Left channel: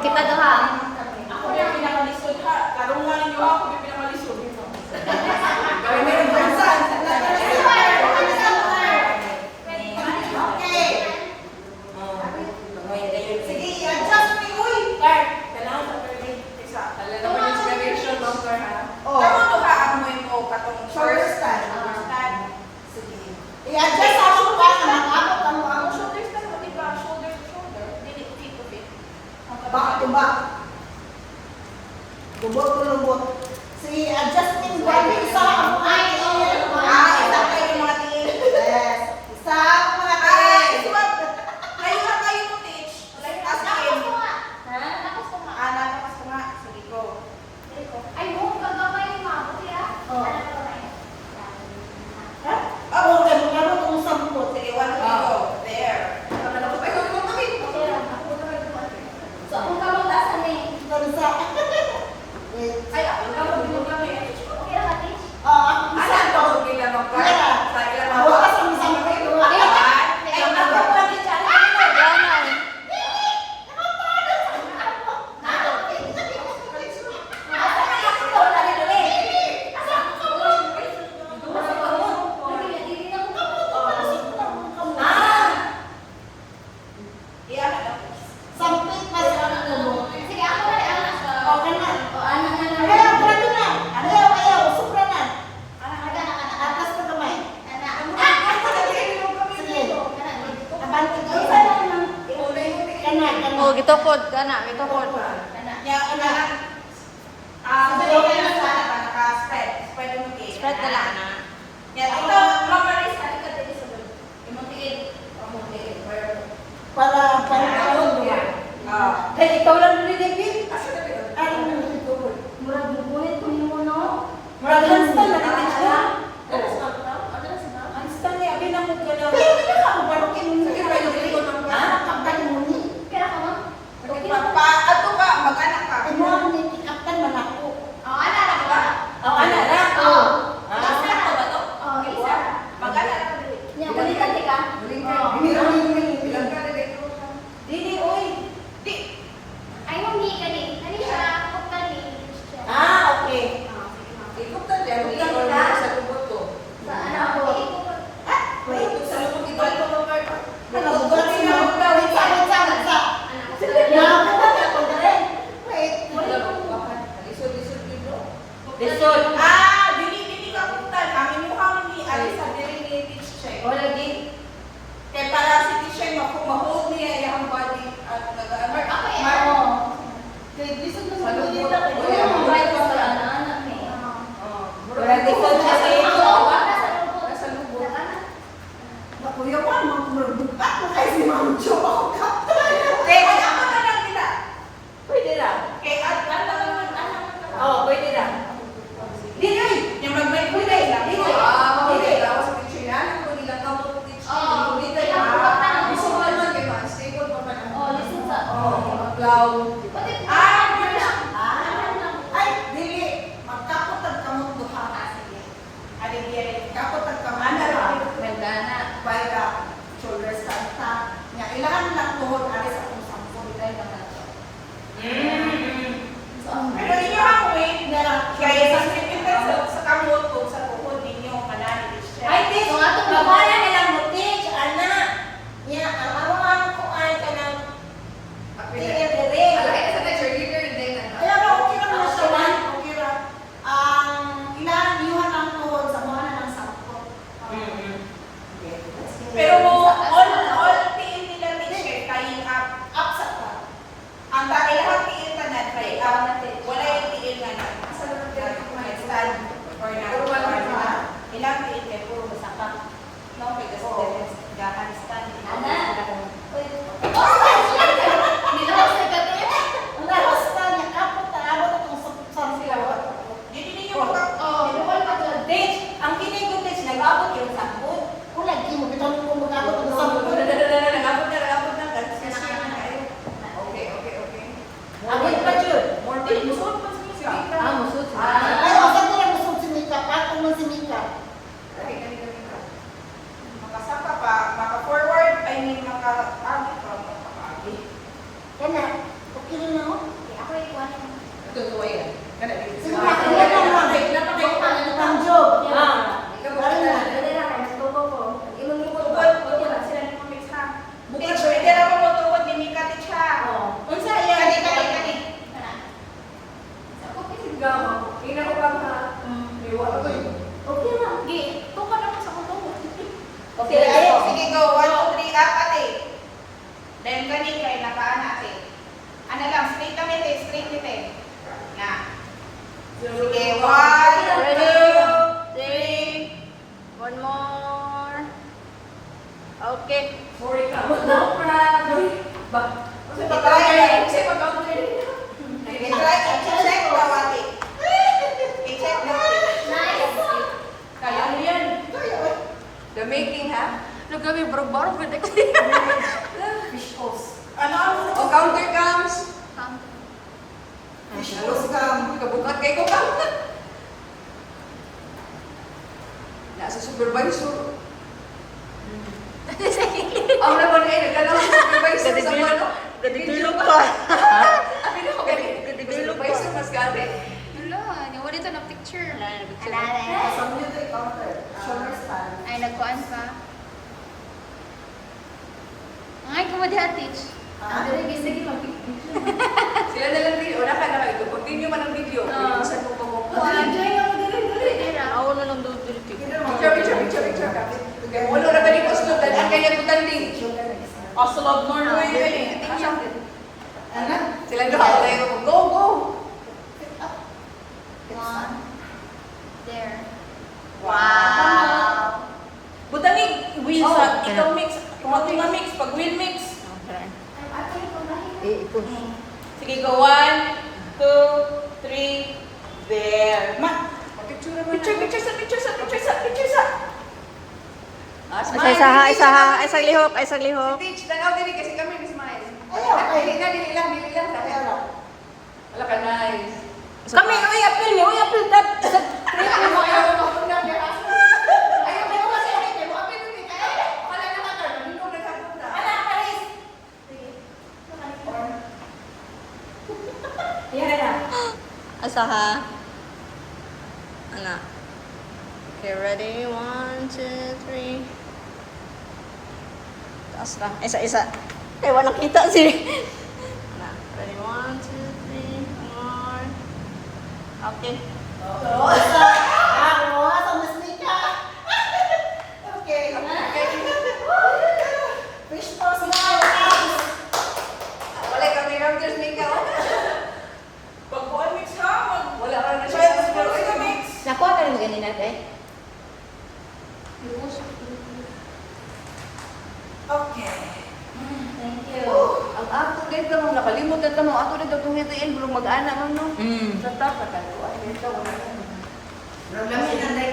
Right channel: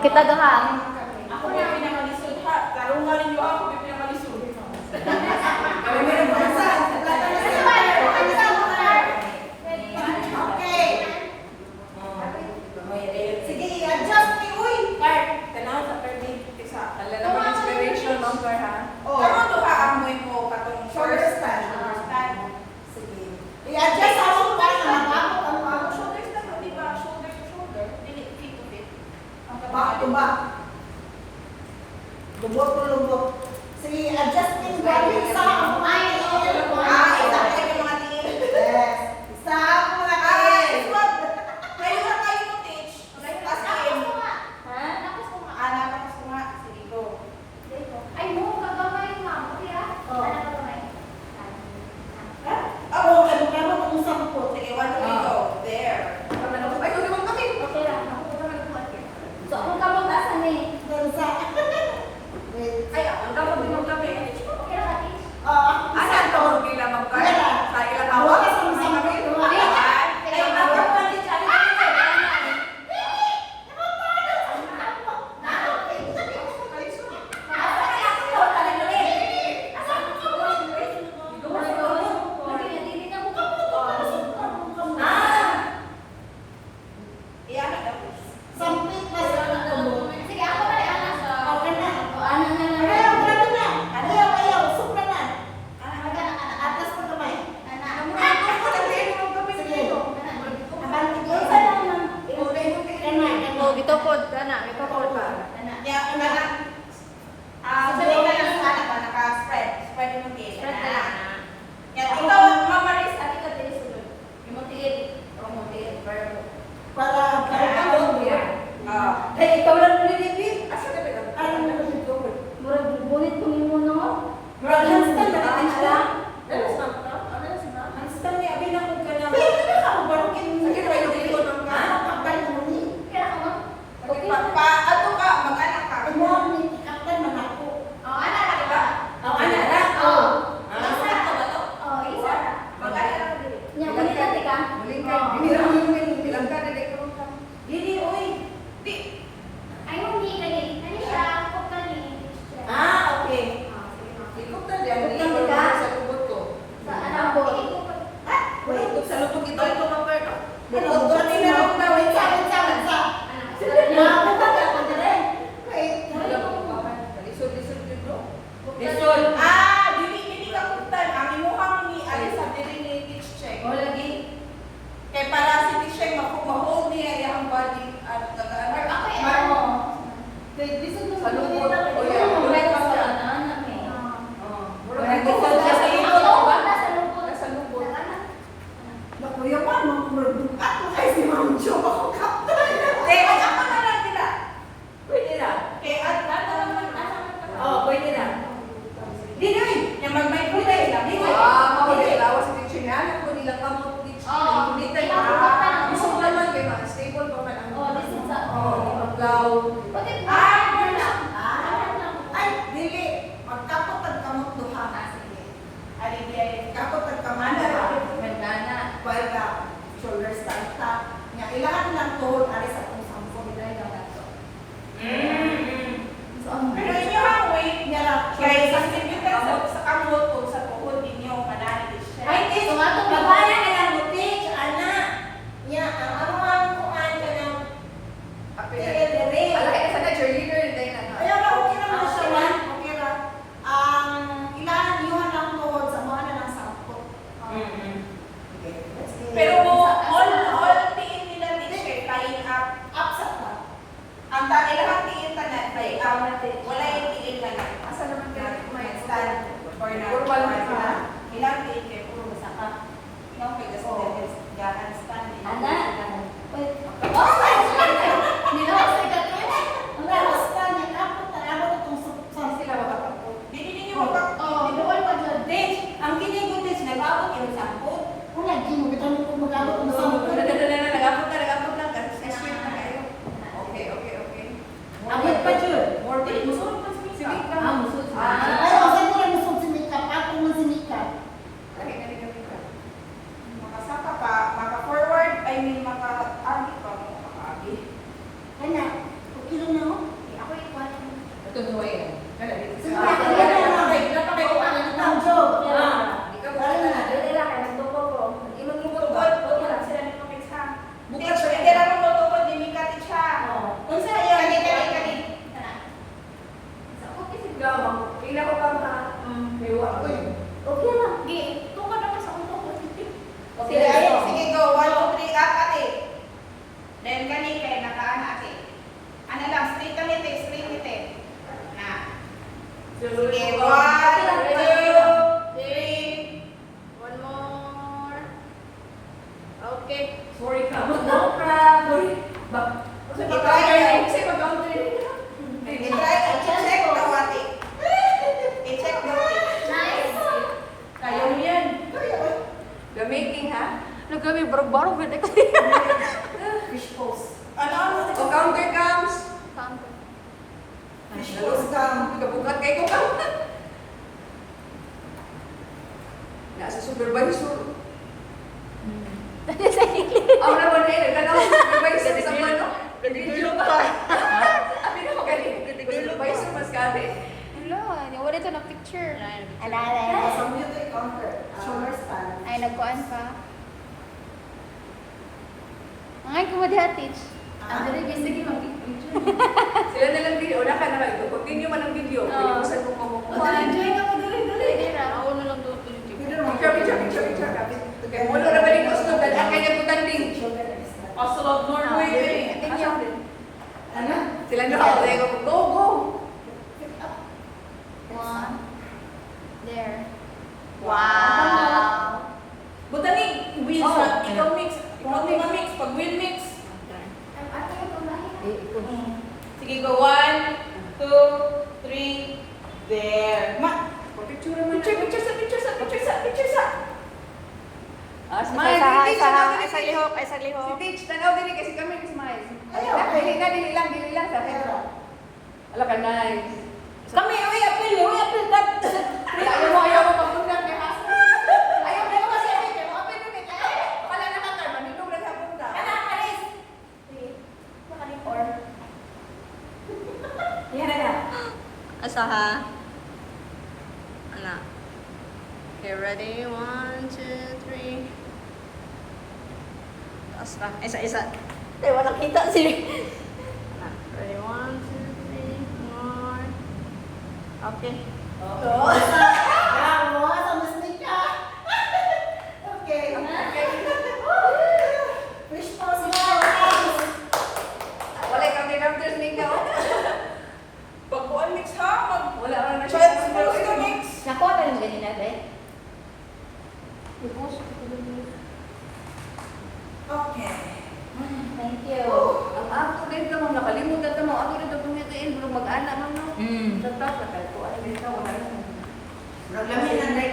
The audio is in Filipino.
Kita daw ha. Ako yung pinakalisod ha. Karong nga rin ako yung pinakalisod. Kami meron bansan. Okay. Sige, i-adjust ni Uy. Clark, kailangan sa Perlin. Isa. Wala naman inspiration, ma'am Clark ha. Oh. Tama to ha, amoy mo katong Shoulder first stand. shoulder stand. Sige. I-adjust ako pa na nag-abot ang mga Shoulder stand, hindi ba? Shoulder to shoulder. Hindi, feet to feet. back to back. Lubot to lubot. Sige, adjusting body. Isa ang mga tingin. Isa kayo yung mga tingin. Yes. Isa ang mga tingin. Kayo na kayo mo teach. As in. Ha? Nakos ko nga. Nakakas ko nga. Sige, go. Ay, mo, gagamay yung mabuti ha. Oh. Ano ko na Ako, ganun itong sampot. Sige, 1, 2, go. There. Ay, kung naman kami. Okay lang. So, kung kamagdasan eh. Bansa. Wait. Ay, ako na mo kami. Okay lang, ate. Ah, Ano ang pagod nila mag-try? Sa ilang Hawa ka sa sampot. Ay, ang ako pa din siya. Sampit pa sila ng lubot. Sige, ako na rin. Okay na. O, ano na lang. Ayaw, grabe na. Ayaw, sobra na. Anak. Atas na kamay. Anak. Sige. Abanti ko. Oh, gitopod, anak, gitopod pa. Anak. Spread na lang, anak. Ito, Mama Riz, ano ka din sunod? Yung tigil. Para Dahil ikaw lang nililipin. ano Murag bubulit ko yung muno. Murag Hanstan na Anak. Hanstan niya, binakot ko lang. Pwede na ka, parang Sige, pwede ko ng kapag mo ni. Kaya ka mo? Ato ka, mag-anak ka. Ay mo, ni tikatan man ako. Oh, anak, di ba? Ang anak na? Oo. Isa to ba to? Oh, isa. Mag-anak ka. Nya, ganito ka. Muling Oo. bilang ka, Dili, uy. Di. Ay, hindi kani. Kani siya, ako kani. Okay. Ikot na din. Ikot na din. Sa lubot ko. Sa anak ko. Wait. Sa lubot ito, ito mga parto. Nalubot na ako daw. Wait, Anak ko. Nakakita ako din. Wait. Lisod dito. Lisod. Dili ka kutan. Ang imuhang ni Alisa, dili ni teach check. O, lagi. Kaya para si teacher, ma-hold niya yung body at nag-ano. Or ako eh. Oo. Lisod na Sa sa lubot. lubot. Mamay ko sa anak eh. Wala lisod siya sa Ako, lubot. wala sa lubot. Nasa lubot. Kuya pa, mga kumulabukat mo kayo si Ma'am Jo. Ako kaptan. Kaya ako na lang nila. Pwede na. Kaya ano naman, Oo, pwede na. Dili, yung may kulay lang. Kulay lawas sa teacher na. Alam ko nilang kamot teacher. Oo. Kulay gusto ko naman kayo, unstable pa pa lang. Oh, listen sa. Cloud. Pati ko. Ay, dili. Magkapotag kamot duha. Kapot ang kamot. Gandana. Para shoulder stand ta. Nga ilan lang tuhod ari sa kung sampo kay banat. So ang Pero inyo ang weight nila kaya sa sinipitan sa kamot o sa tuhod ninyo kanani teacher. ay tis So, ato babana nila mo teach ana. Nya ang awang ko an kanang dire. Ay ara okay lang na siya man. Okay ra. Ang ilan niyo ang tuhod sa mga na lang sampo. Pero all tiin nila teacher tying up. Up sa pa. Ang ilang tiin na na tie up. Wala yung tiin na na. Asa naman stand or na. Ilang tiin kay puro masaka. No, kay gahan stand. Ana. Wait. Oh, nila ko sa gabi. Ang lawas na niya kapot na abot itong sila. Dili ninyo mag Oh, bukol pa dyan. Ang kinigod din sila, abot yung sampot. Kung lagi mo, bitan ko mag-abot ang sampot. Nagabot na. Okay. Abot pa yun. More than musuot pa sa misa. Musot sa. Ay, o, saan ko lang gusto si Mika? Patong mo si Mika. Makasaka pa, maka-forward, I mean, maka-agi pa, maka-agi. Kana, Sige, 1, 2, 3. One more. Okay. Sorry ka. Napra. Ba? I-try. Kasi mag-counter. I-try. I-check na wati. I-check na wati. Nice. Kaya mo yan. The making, ha? Nagkami barog-barog. Fish pose. Ano? O counter comes. Fish pose ka. Kabukat kayo ka. Nasa supervisor. Ako naman eh, nagkalaw sa supervisor sa ano. Video pa. At hindi ko galing. Hindi ko supervisor mas gati. Wala. Nawala ito na picture. Sa Alala. music counter. Shoulder stand. Ay, nagkuhan ka. Ay, kumadiha, teach. Ah. Ang dali, sige, mag-picture. Sila na lang video. Wala ka na kayo. Continue man ang video. Pilimusan mo mamukuha. Enjoy na ko dali. Ako na lang doon. Picture. Kaya mo na galing ko sa tanda. Kaya ko tanding. Oslo of Norway. Ano? Sila na ako. Go. One. There. Wow. Butanig. Wheel Oh. sa. Ikaw mix. Ikaw mix. Pag wheel mix. Sige, go. 1, 2, 3. There. Picture naman. Picture sa. Smile. Isang lihok. Si Teach, tanaw din kasi kami smile. Ayaw, Dili lang sa akin. Wala ka, nice. Kami, uy, apil. Ayaw mo kasi kami. Mo apil nun eh. Wala na ka, manunong na sa punta. Asa ha? Ala. Okay, ready? 1, 2, 3. Taas na. Isa. Okay, walang kita si. Ala. Ready? 1, 2, 3. More. Okay. Okay. Fish pose na. Wala ka, tinamters Mika. Pag one mix ha, Wala ka na siya. mix. Nakuha ka ng ganina, guys? Okay. Thank you. Ang ako dito mo, nakalimutan ka mo. Ako dito kung hitiin, belum mag-ana mo no. Sa tapos, ko at dito, wala na. Lamin ang